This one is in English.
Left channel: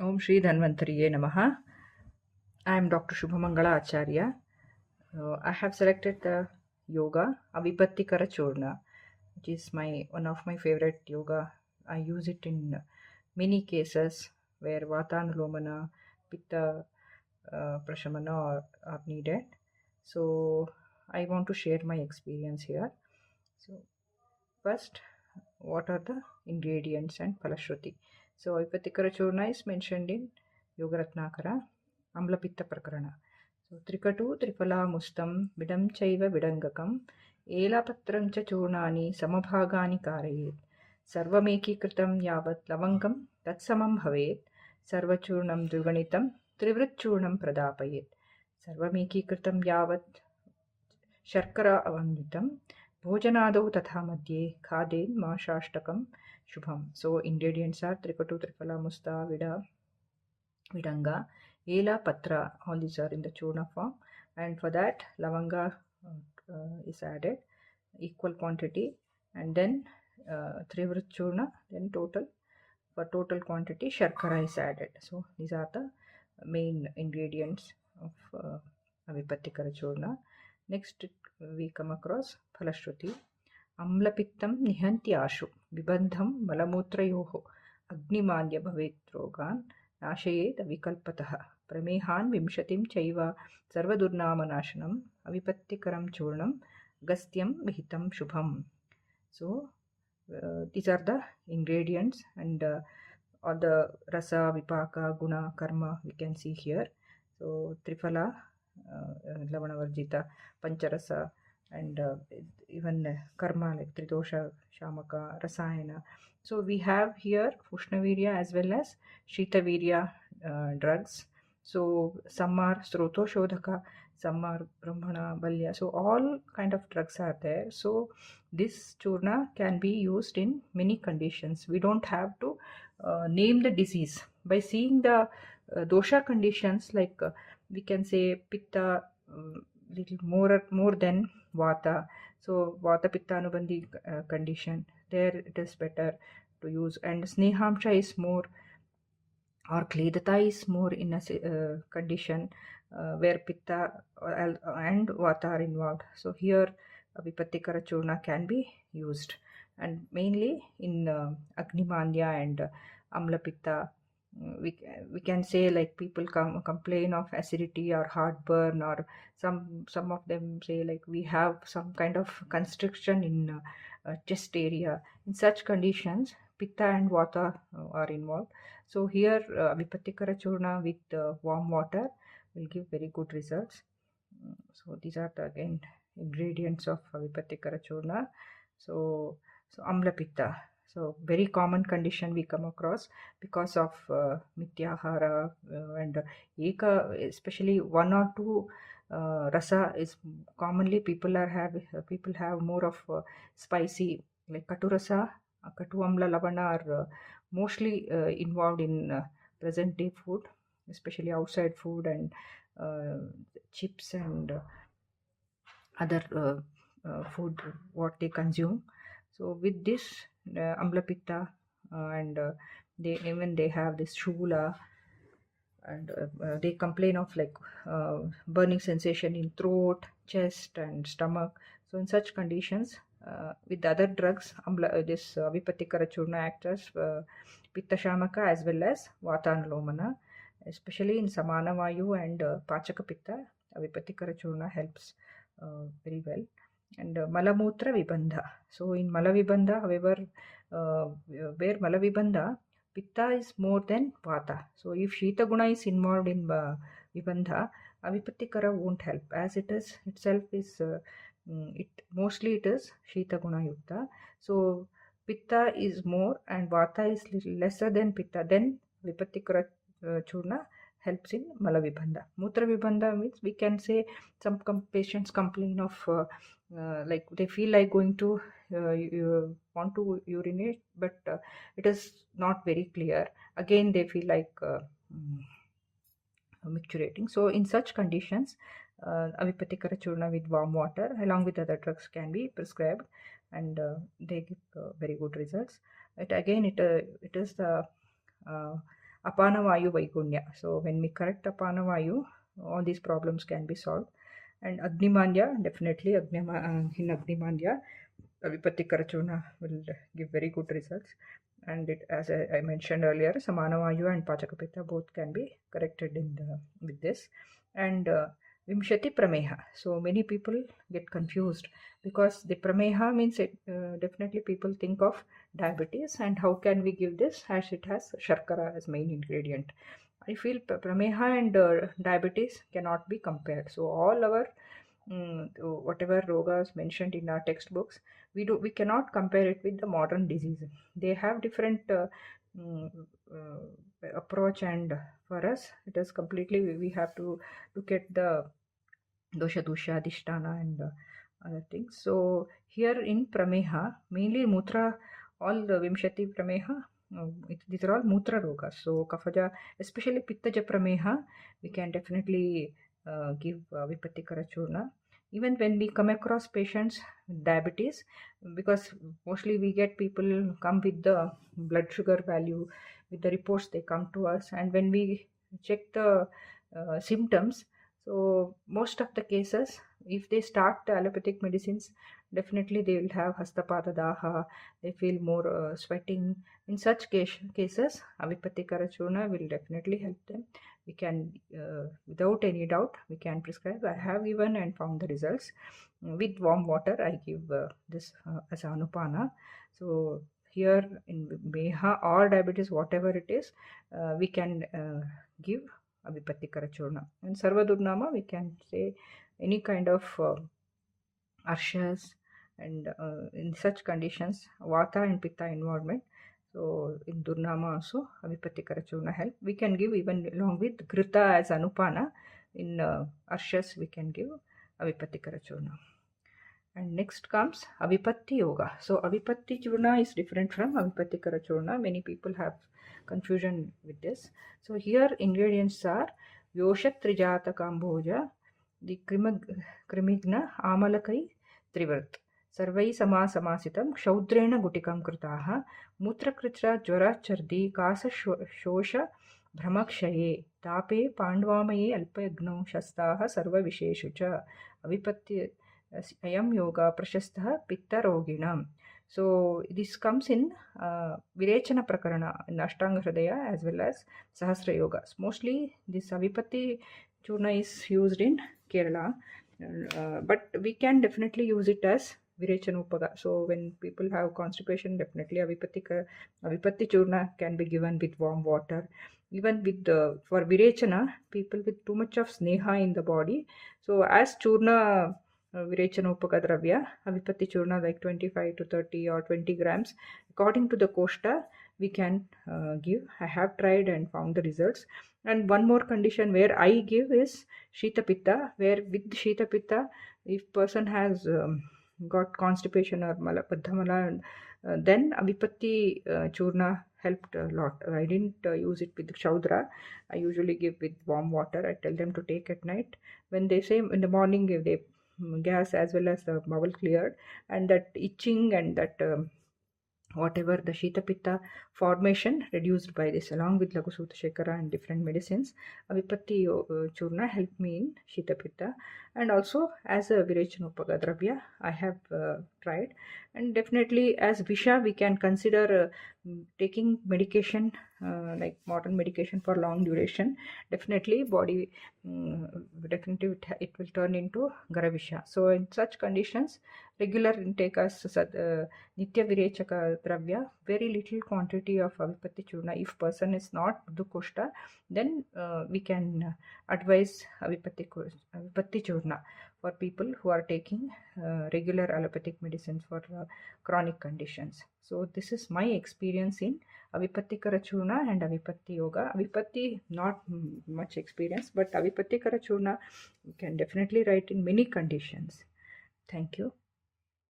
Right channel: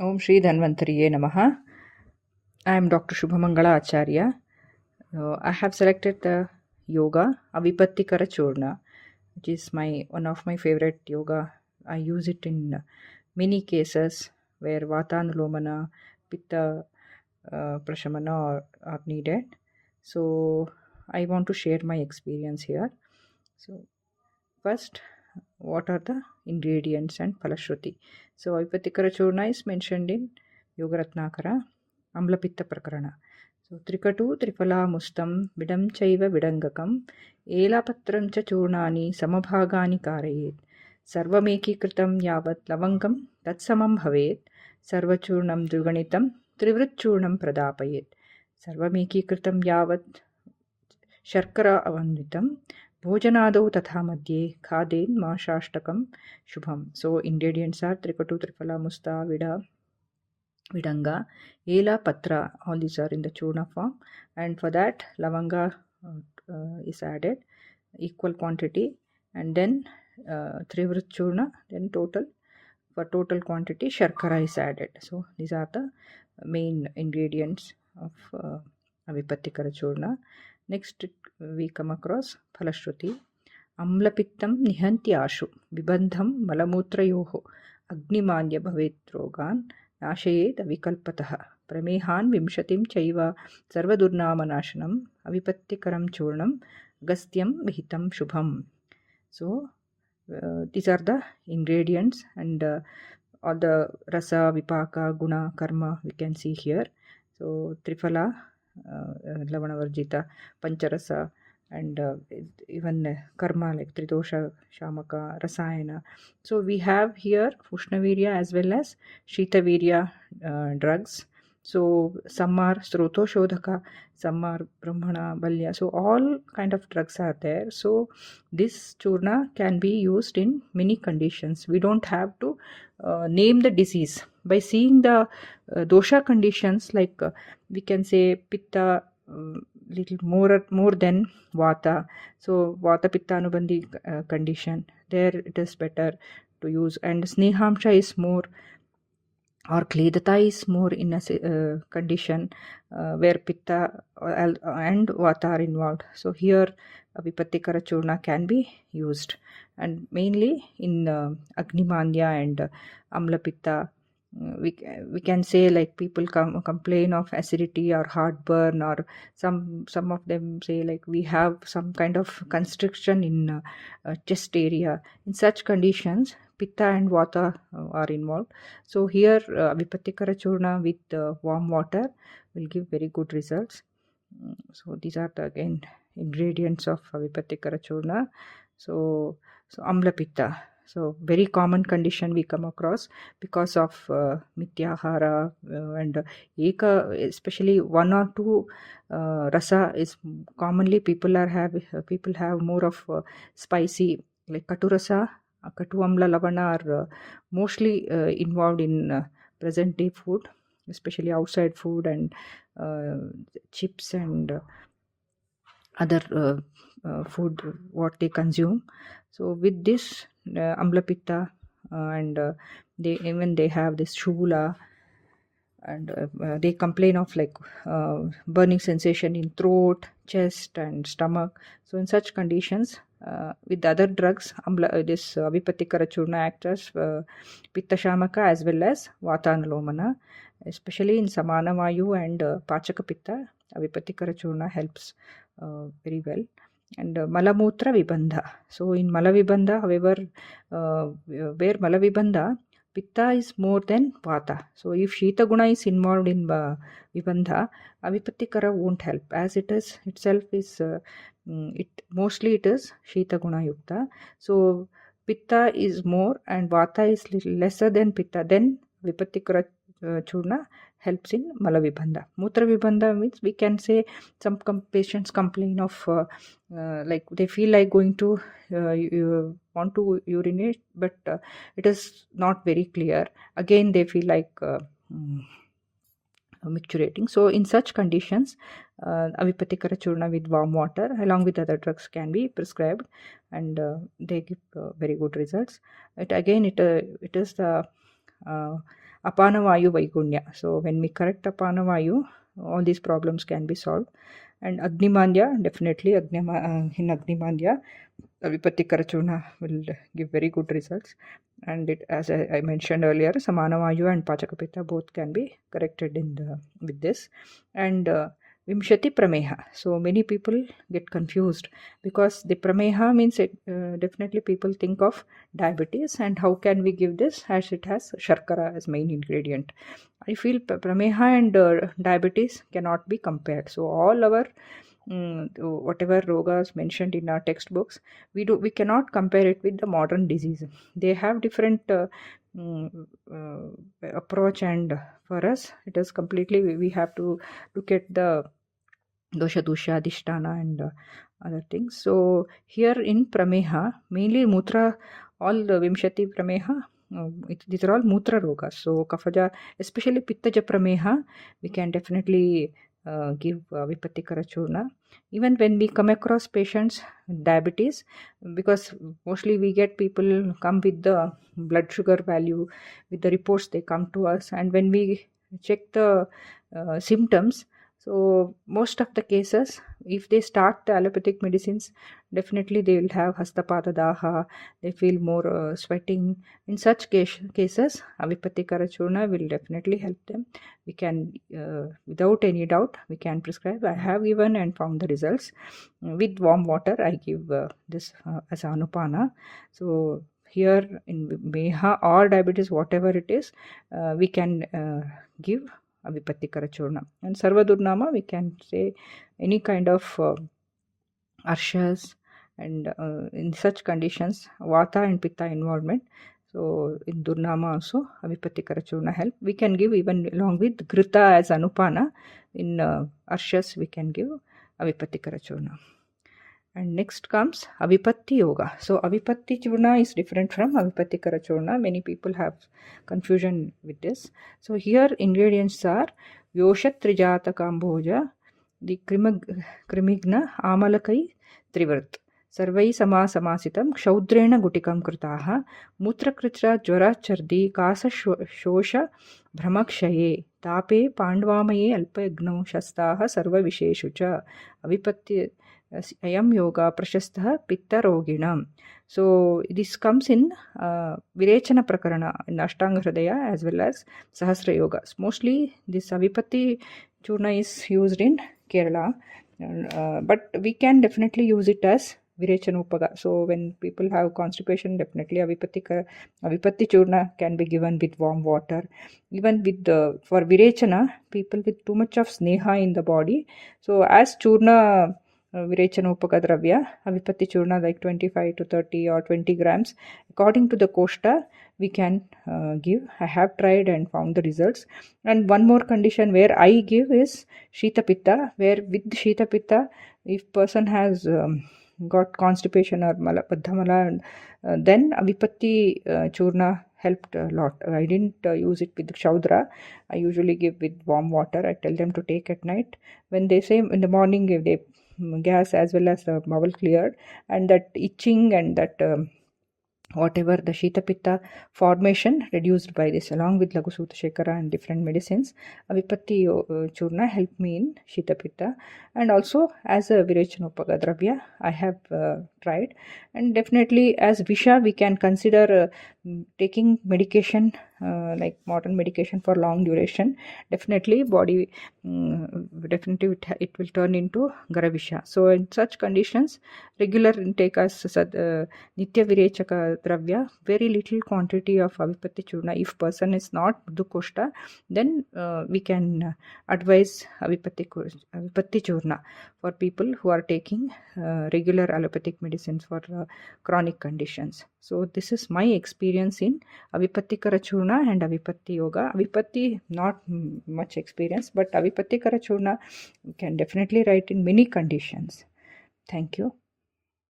Om Shri Dhanvantariye Namaha. I am Dr. Shubhamangala Acharya. I have selected the yoga Avipatikara churna, which is one of my favorite yoga. I use it in many cases where Vatanulomana, Pitta Prashamana are needed. So I want to share my experience here. So first, what are the ingredients and Palashruti? So Avipatikara churna is mentioned in Yogaratnakara Amlapitta Prakarana. So Trikatu Tripala Mustam Vidam Chaiva Vidangakam Elapatram cha churnani Samabhagani Karayet Sarvameki Kritam Yavat Lavangam Tatsamam Bhavet Sarvachurnam Duganitam Trivritchurnam Pradapayet Sarvameki Kritam Yavat शर्करा अवन्वितं भोजनादौ तथा मध्ये खादेन् माशाष्टकं Shubham. So ingredients are trikatu, triphala, musta, vidanga, ela, patra. All these are in the churna form, and for that lavanga is added equal quantity, and then trivrit churna, then total quantity sharkara is added. So these are the main ingredients of Avipatikara churna. Next we come across Phalashruti. Amlapittam nihanti ashu bibandham malamutrayoho agnimanya bhavet rogan nashayet avikalpataha pramehan vimshatim chaiva sarvadurnamanashanam avipatikaram churnam gastyam vihitam shubham. So these are the ingredients, and all the rasa, vipaka, guna, karma we can see here. So triphala, lavanavarjita, pancharasa, and even karma like tridosha, shamaka, rasayana. So we have here ushnavirya as well as shitavirya drugs. So some are sroto shodhaka, some are brahmana, balya. So all kind of drugs are there. So this churna can be used in many conditions. We don't have to name the disease. By seeing the dosha conditions, like we can say pitta little more than vata. So vata pitta anubandhi condition, there it is better to use, and snehamsha is more, or kledata is more in a condition where pitta and vata are involved. So here Avipatikara churna can be used, and mainly in Agnimanya and Amla pitta. We can say, like, people complain of acidity or heartburn, or some of them say like we have some kind of constriction in chest area. In such conditions, pitta and vata are involved. So here Avipatikara churna with warm water will give very good results. So these are the again ingredients of Avipatikara churna. So amla pitta. So very common condition we come across because of mityahara and eka, especially one or two rasa is commonly people have more of spicy, like katu rasa, katu amla lavana are mostly involved in present day food, especially outside food and chips and other food what they consume. So with this amla pitta and they have this shula, and they complain of like burning sensation in throat, chest and stomach. So in such conditions, with other drugs, this Avipatikara churna acts as pitta shamaka as well as vatanulomana, especially in samana vayu and pachaka pitta. Avipatikara churna helps very well. And malamutra vibandha. So in malavibandha, however, where malavibandha, pitta is more than vata. So if shita guna is involved in vibandha, avipatikara won't help, as it is itself is it is shita guna yukta. So pitta is more and vata is little lesser than pitta. Then vipatikara churna helps in malavibandha. Mutra vibandha means we can say some patients complain of like they feel like going to you want to urinate, but it is not very clear. Again they feel like micturating. So in such conditions, Avipatikara churna with warm water along with other drugs can be prescribed, and they give very good results. It is the Apanavayu Vaigunya. So when we correct Apanavayu, all these problems can be solved. And Agnimandya, definitely in Agnimandya, Avipatikara churna will give very good results. And it, as I mentioned earlier, Samanavayu and Pachakapita both can be corrected with this. And Vimshati Prameha. So many people get confused because the Prameha means it, definitely people think of diabetes, and how can we give this as it has Sharkara as main ingredient. I feel Prameha and diabetes cannot be compared. So all our whatever rogas mentioned in our textbooks, we cannot compare it with the modern disease. They have different mm, approach, and for us it is completely we have to look at the dosha dusha adhisthana and other things. So here in prameha, mainly mutra, all the vimshati prameha, these are all mutra rogas. So kafaja, especially pittaja prameha, we can definitely give vipatikara churna. Even when we come across patients with diabetes, because mostly we get people come with the blood sugar value, with the reports they come to us, and when we check the symptoms, so most of the cases, if they start the allopathic medicines, definitely they will have hastapada daha, they feel more sweating. In such cases, Avipatikara churna will definitely help them. We can, without any doubt, we can prescribe. I have given and found the results. With warm water, I give this as anupana. So here in Meha or diabetes, whatever it is, we can give Avipatikara churna. And Sarvadurnama, we can say any kind of arshas, and in such conditions, Vata and Pitta involvement. So in Durnama also, Avipatikara churna help. We can give even along with Grita as Anupana. In arshas, we can give Avipatikara churna. And next comes Avipatti Yoga. So Avipatti Churna is different from Avipatikara Churna. Many people have confusion with this. So here ingredients are Yoshat Trijata Kamboja, the Krimigna Amalakai Trivrt. Sarvai Samasitam Kshaudrena Gutikam Kritaha Mutrakritra Jwara Chardi Kasa Shosha Brahmakshaye Tape Pandvamaye Alpagno Shastaha Sarva Visheshucha Avipatti Ayam Yoga Prashastha Pitta Roginam. So this comes in Virechana Prakarana in Ashtanga Hridaya as well as Sahasra Yogas. Mostly this Avipatti churna is used in Kerala, but we can definitely use it as Virechana Upaga. So when people have constipation, definitely Avipatti churna can be given with warm water. Even with for Virechana, people with too much of sneha in the body. So as churna Virechana Upakadravya, Avipatti churna like 25 to 30 or 20 grams. According to the Koshta, we can give. I have tried and found the results. And one more condition where I give is Shita Pitta, where with Shita Pitta, if person has got constipation or Baddhamala, then Avipatti churna helped a lot. I didn't use it with Shaudra. I usually give with warm water. I tell them to take at night. When they say in the morning, if they gas as well as the bowel cleared, and that itching and that whatever the Shita Pitta formation reduced by this, along with Lagu Sutta Shekara and different medicines. Avipatti churna helped me in Shita Pitta, and also as a Virechanopaga Dravya I have tried. And definitely as Visha we can consider taking medication like modern medication for long duration. Definitely body definitely it will turn into Garavisha. So in such conditions, regular intake as Nitya Virechaka Dravya, very little quantity of Avipatti churna. If person is not Dukoshta, then we can advise Avipatti churna for people who are taking regular allopathic medicines for chronic conditions. So this is my experience in Avipatikara churna and Avipatti yoga. Avipatti not much experience, but Avipatikara churna can definitely write in many conditions. Thank you.